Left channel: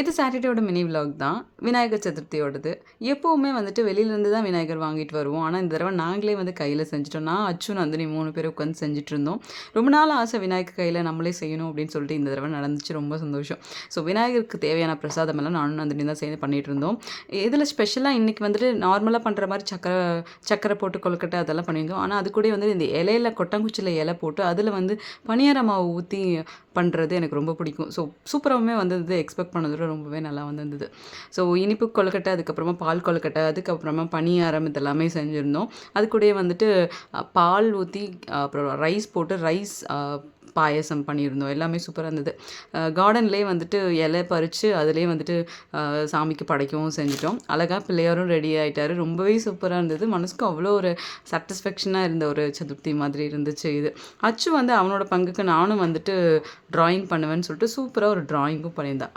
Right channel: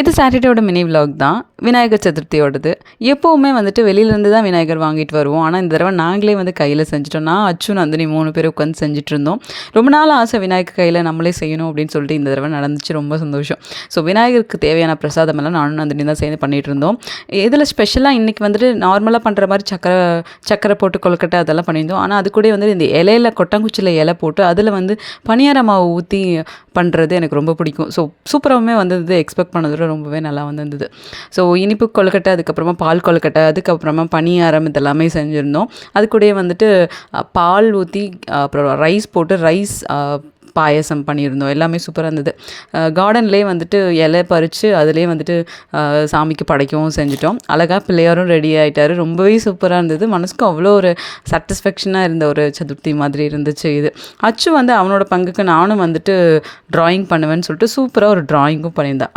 இது சாட்டர்டேயோட mini vlog தான். விநாயகர் சதுர்த்தியோடது. எப்போவுமே வந்துட்டு வெளியிலேருந்து தான் விநாயகர் வாங்கிட்டு வருவோம். ஆனா, இந்த தடவ நாங்களே வந்து கையில செஞ்சுட்டோம். நான், அச்சு, நந்தினி 3 பேரும் உட்காந்து செஞ்சுட்ருந்தோம். ரொம்ப நாள் ஆசை விநாயகர் கையில நம்மளே செய்யணும் அப்படின்னு சொல்லிட்டு இந்த தடவ நடந்துச்சு. ரொம்ப சந்தோஷம். ஸோ விநாயகருக்கு தேவையான பிரசாதமெல்லாம் நானும் நந்தினி தான் சேர்ந்து பண்ணிகிட்ருந்தோம். இதில ஸ்பெஷலாக இன்றைக்கி வந்துட்டு நார்மலா பண்ணுற மாரி சக்கரை போட்டு கொழுக்கட்டை அதெல்லாம் பண்ணியிருந்தோம். ஆனா, அது கூடயே வந்து இந்த இலையில கொட்டாங்குச்சியில இலை போட்டு அதில வந்து பணியார மாவு ஊத்தி பண்ணுறது எனக்கு ரொம்ப பிடிக்கும். ஸோ சூப்பராவுமே வந்தது. எக்ஸ்பெக்ட் பண்ணத விட ரொம்பவே நல்லா வந்திருந்தது. ஸோ இனிப்பு கொழுக்கட்டை, அதுக்கப்புறமா பால் கொழுக்கட்டை, அதுக்கப்புறமா பணியாரம் இதெல்லாமே செஞ்சுருந்தோம். அது கூடயே வந்துட்டு பால் ஊத்தி அப்புறம் ரைஸ் போட்டு பாயாசம் பண்ணியிருந்தோம். எல்லாமே சூப்பரா இருந்தது. கார்டன்லேயே வந்துட்டு இலை பறிச்சு அதிலேயே வந்துட்டு சாமிக்கு படைக்கவும் செஞ்சுட்டோம். அழகா பிள்ளையாரும் ரெடி ஆயிட்டாரு. ரொம்பவே சூப்பரா இருந்தது. மனசுக்கு அவ்வளோ ஒரு சாட்டிஸ்ஃபேக்ஷனா இருந்த ஒரு சதுர்த்தி மாதிரி இருந்துச்சு இது. அச்சு வந்து அவனோட பங்குக்கு நானும் வந்துட்டு ட்ராயிங் பண்ணுவேன்னு சொல்லிட்டு சூப்பரா ஒரு ட்ராயிங்கும் பண்ணியிருந்தான்.